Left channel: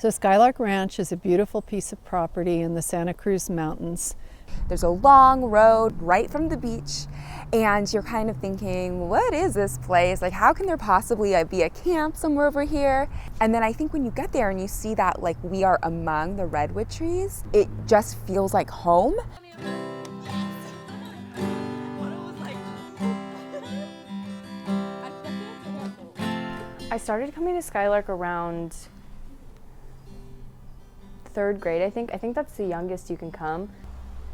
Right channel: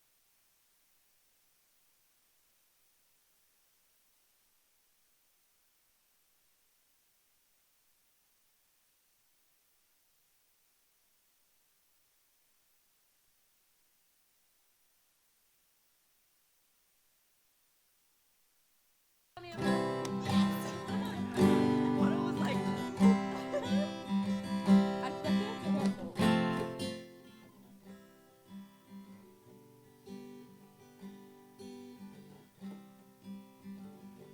So Skylark Ranch is a beautiful piece of property in the Santa Cruz Mountains. There's a long road right from the beach, and you're kind of thinking, what is this place? Like, how can there possibly be a camp somewhere over here? And then I think when you get there and you see that, like, we are among the redwood trees, it just feels like home. I started coming to Skylark around 3rd grade, I think. I think that's the youngest you can come.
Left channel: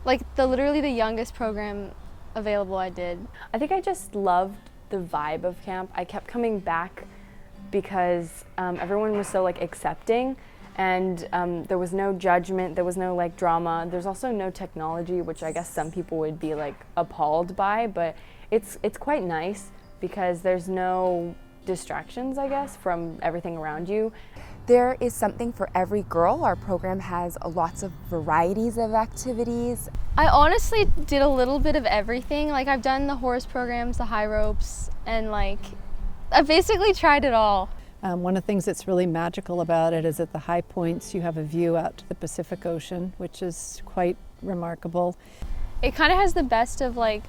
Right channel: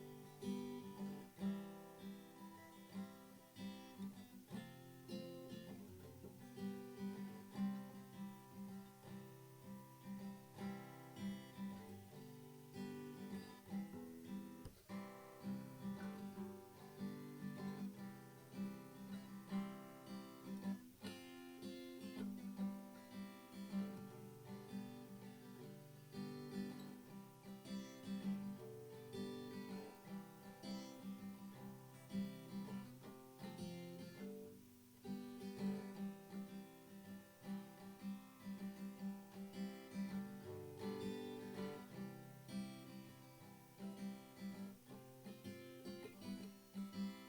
Like literally the youngest program available I did. I think I just loved the vibe of camp. I kept coming back because everyone was so like accepting, and there was no judgment, there was no like drama. There's also no technology, which I guess some people would be like appalled by, but it's quite nice because there's no distractions, I guess, from everything around you. There is something for every girl. Our program has lots of varieties of activities. I honestly did a little bit of everything. Like I've done the horse programs, the high ropes, and like I basically tried it all. One of the things that's really magical about it is at the high points you have a view out to the Pacific Ocean, which is quite remarkable. It kind of has the best of like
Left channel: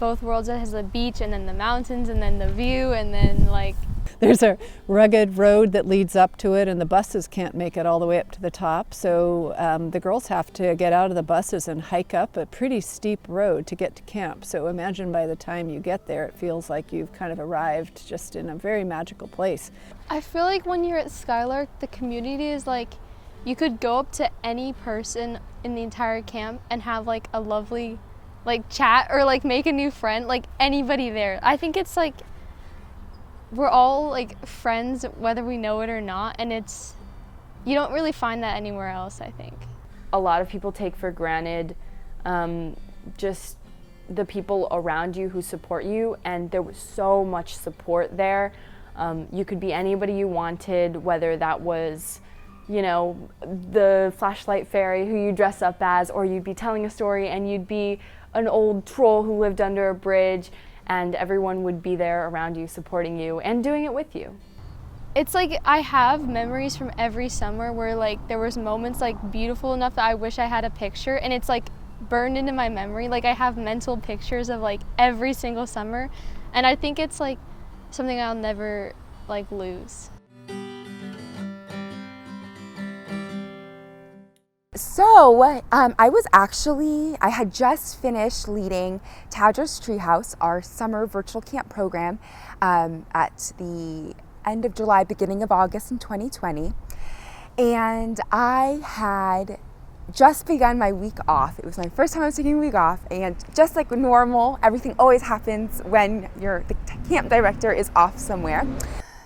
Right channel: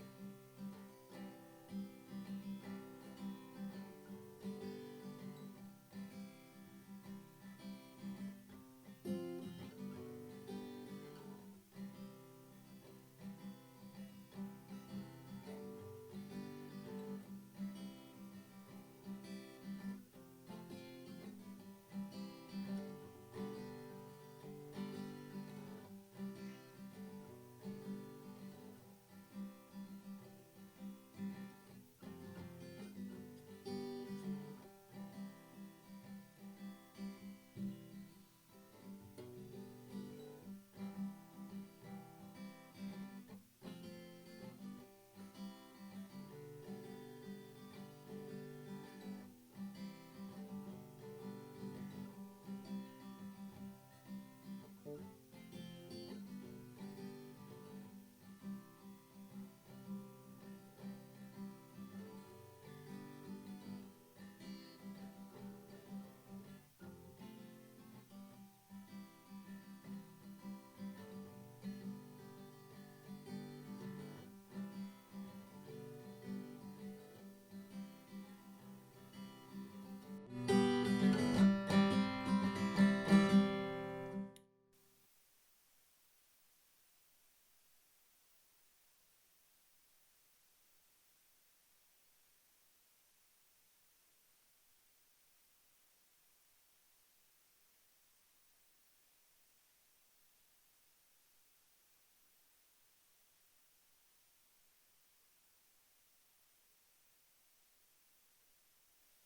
both worlds. It has the beach and then the mountains and then the view and then like there's a rugged road that leads up to it, and the buses can't make it all the way up to the top. So the girls have to get out of the buses and hike up a pretty steep road to get to camp. So imagine by the time you get there, it feels like you've kind of arrived just in a very magical place. I feel like when you're at Skylark, the community is like, you could go up to any person in the entire camp and have like a lovely like chat or like make a new friend, like anybody there. I think it's like, we're all like friends whether we know it or not, and you don't really find that anywhere else, I think. A lot of people take for granted just the people around you who support you, and there was so much support there. You could be anybody you wanted, whether that was, you know, the flashlight fairy who you dress up as, or you'd be telling a story and you'd be an old troll who lived under a bridge, and everyone would be there around you supporting you and doing it with you. It's like I have memories from every summer where like there was moments like beautiful enough that I wish I had a picture, and it's like burned into my memory. Like I have mental pictures of like every single summer, and I think it's like something I'll never like lose. So I had just finished leading Tadros Treehouse, our summer virtual camp program, at the end of July, beginning of August in 2020. And I had just begun my week off. It was my first time I was taking a week off, and just like normal, everything always happens when the camp director is off somewhere.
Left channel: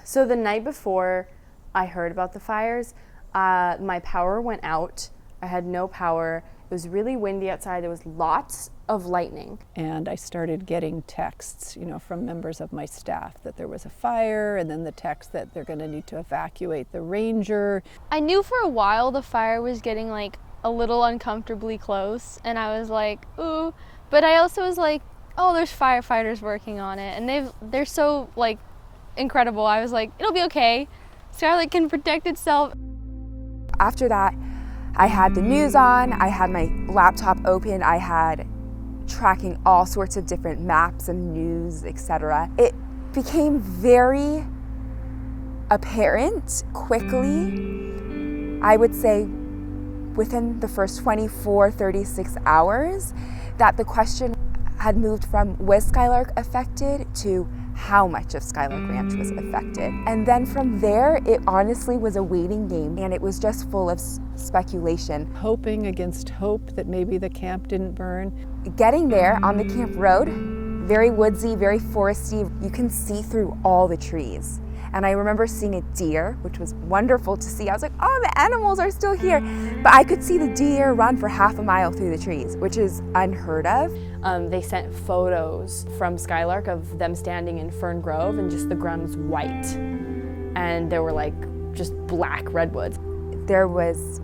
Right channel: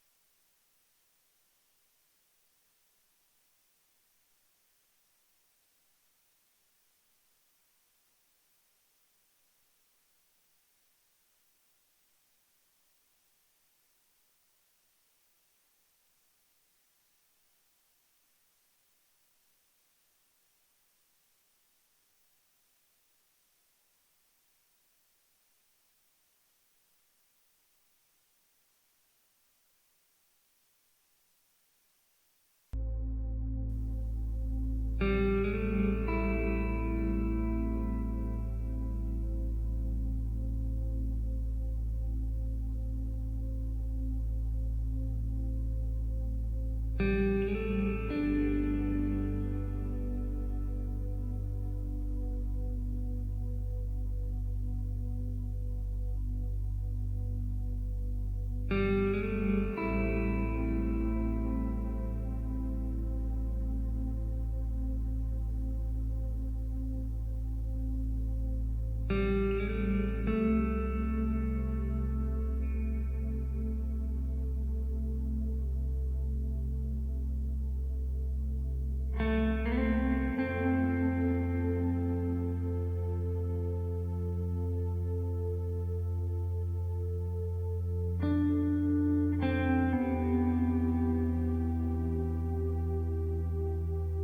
So the night before I heard about the fires, my power went out. I had no power. It was really windy outside. There was lots of lightning. And I started getting texts, from members of my staff that there was a fire, and then the text that they're going to need to evacuate the ranger. I knew for a while the fire was getting like a little uncomfortably close, and I was like, ooh. But I also was like, oh, there's firefighters working on it, and they're so like incredible. I was like, it'll be okay. Skylark can protect itself. After that, I had the news on, I had my laptop open, I had tracking all sorts of different maps and news, etc. It became very apparent quickly, I would say within the first 24, 36 hours, that the question had moved from was Skylark affected to how much of Skylark Ranch was affected. And then from there, it honestly was a waiting game, and it was just full of speculation. Hoping against hope that maybe the camp didn't burn. Getting there on the camp road, very woodsy, very foresty, you can see through all the trees. And I remember seeing a deer, which was wonderful to see. I was like, oh, the animals are still here. But I could see the deer run for half a mile through the trees, which is unheard of. They sent photos from Skylark of them standing in Fern Grove, and just the ground was white. And there were like just black redwoods. There was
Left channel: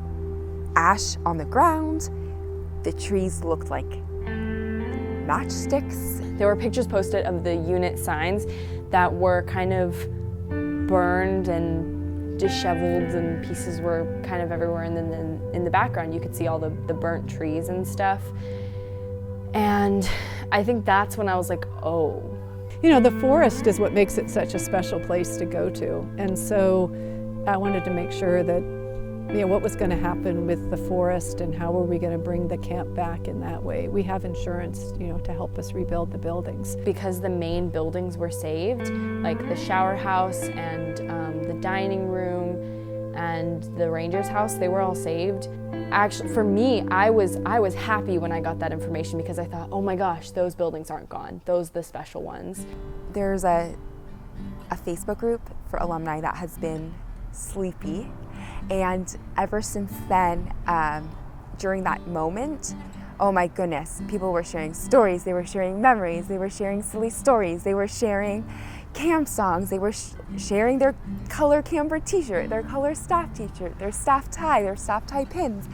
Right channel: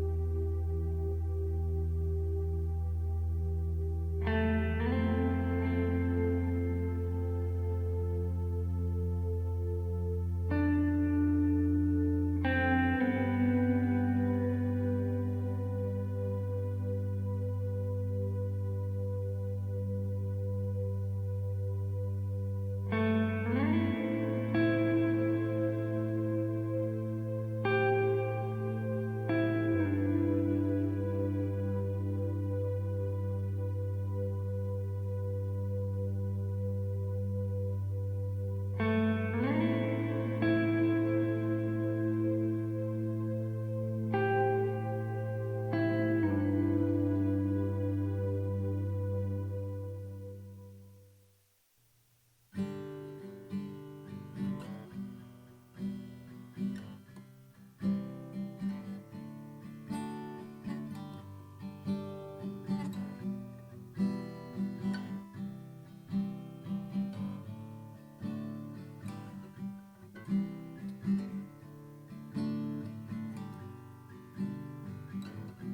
ash on the ground. The trees looked like matchsticks. There were pictures posted of the unit signs that were kind of burned and disheveled and pieces were kind of everywhere, and then in the background you could see all the burnt trees and stuff. And I think that's when I was like, oh. You know, the forest is what makes it such a special place to go to. And so I wanted to make sure that, you know, what was going to happen with the forest and how were we going to bring the camp back in that way. We have insurance, you know, to help us rebuild the buildings. Because the main buildings were saved, like the shower house and the dining room and the ranger's house, they were all saved. Actually, for me, I was happy when I got that information because I thought, oh my gosh, those buildings aren't gone. Those are the special ones. There's a Facebook group for alumni that has been sleepy, and ever since then, during that moment, oh my goodness, people were sharing stories, they were sharing memories, they were sharing silly stories, they were sharing camp songs, they were sharing their color camper t-shirt, their color staff t-shirt, their staff tie pins.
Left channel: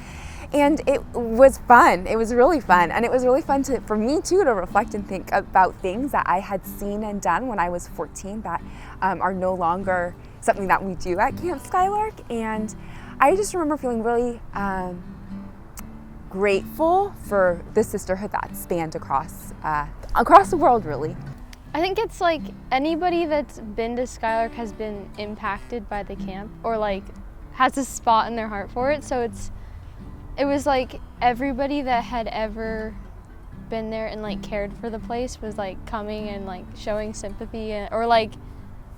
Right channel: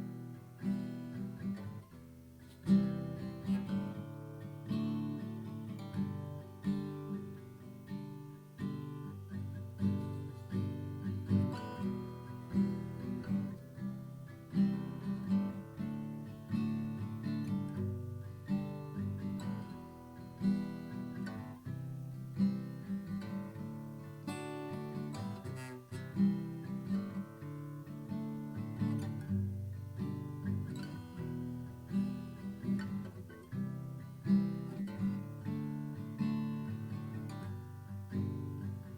And it was fun. It was really fun. And it was really fun for me too to reflect and think about things that I had seen and done when I was 14 that are no longer something that we do at Camp Skylark. And I just remember feeling really grateful for the sisterhood that spanned across the world, really. I think it's like anybody that's been to Skylark has been impacted by the camp or like has a spot in their heart for it. So it was like everybody that had ever been there and like cared for the place was like coming and like showing sympathy or like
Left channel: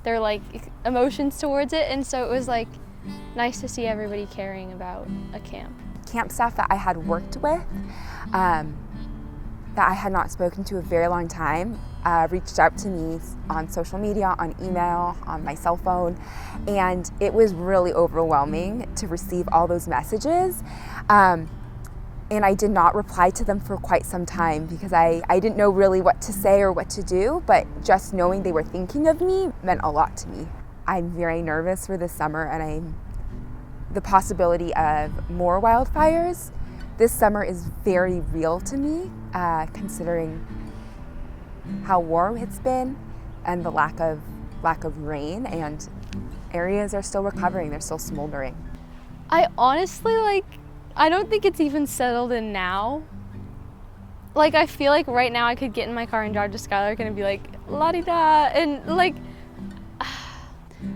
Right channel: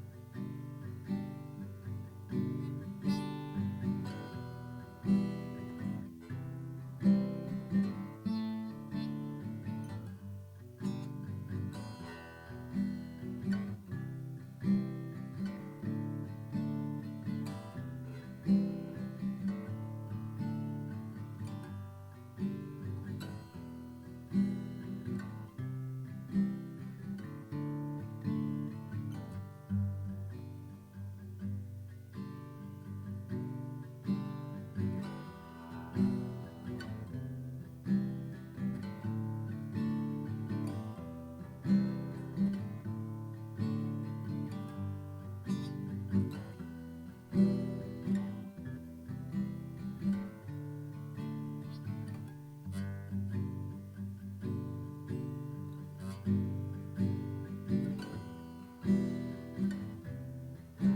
their like emotions towards it. And so it was like nice to see everybody caring about a camp. Camp staff that I had worked with, that I had not spoken to a very long time, reached out to me on social media, on email, on my cell phone, and it was really overwhelming to receive all those messages. And I did not reply to them for quite some time because I didn't know really what to say or what to do, but just knowing they were thinking of me meant a lot to me. I'm very nervous for this summer, and the possibility of more wildfires this summer is very real to me, considering how warm it's been and the lack of rain, and areas are still recovering, they're still smoldering. I honestly I don't think it's even settled in now. Like I feel like right now I could get in my car and drive to Skylark and be like, la-di-da, and like.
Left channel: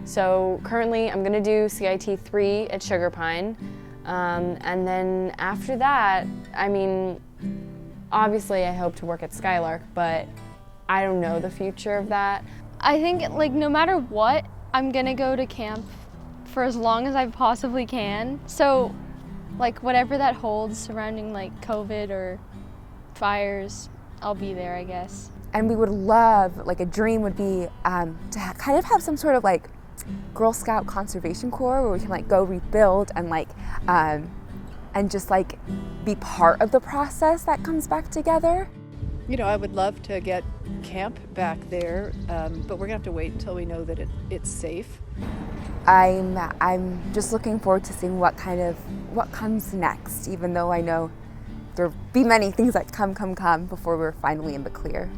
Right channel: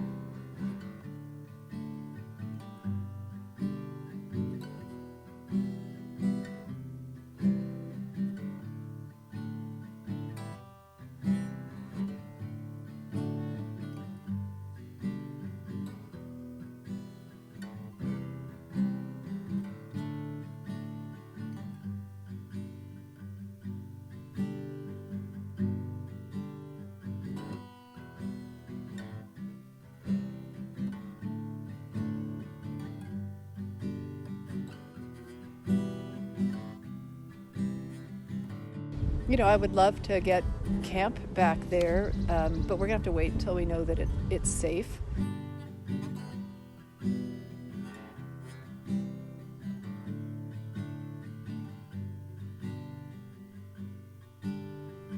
So currently I'm gonna do CIT 3 at Sugar Pine. And then after that, I mean, obviously I hope to work at Skylark, but I don't know the future of that. I think like no matter what, I'm gonna go to camp for as long as I possibly can. So like whatever that holds surrounding like COVID or fires, I'll be there, I guess. And we would love, like a dream would be to kind of have some sort of like Girl Scout Conservation Corps where we can like go rebuild and like and just like be part of the process that comes back together. You know, I would love to get camp back there, but we're gonna have to wait until we know that it's safe. I'm just looking forward to seeing what comes next, even though I know there'll be many things that come before we're finally in the clear.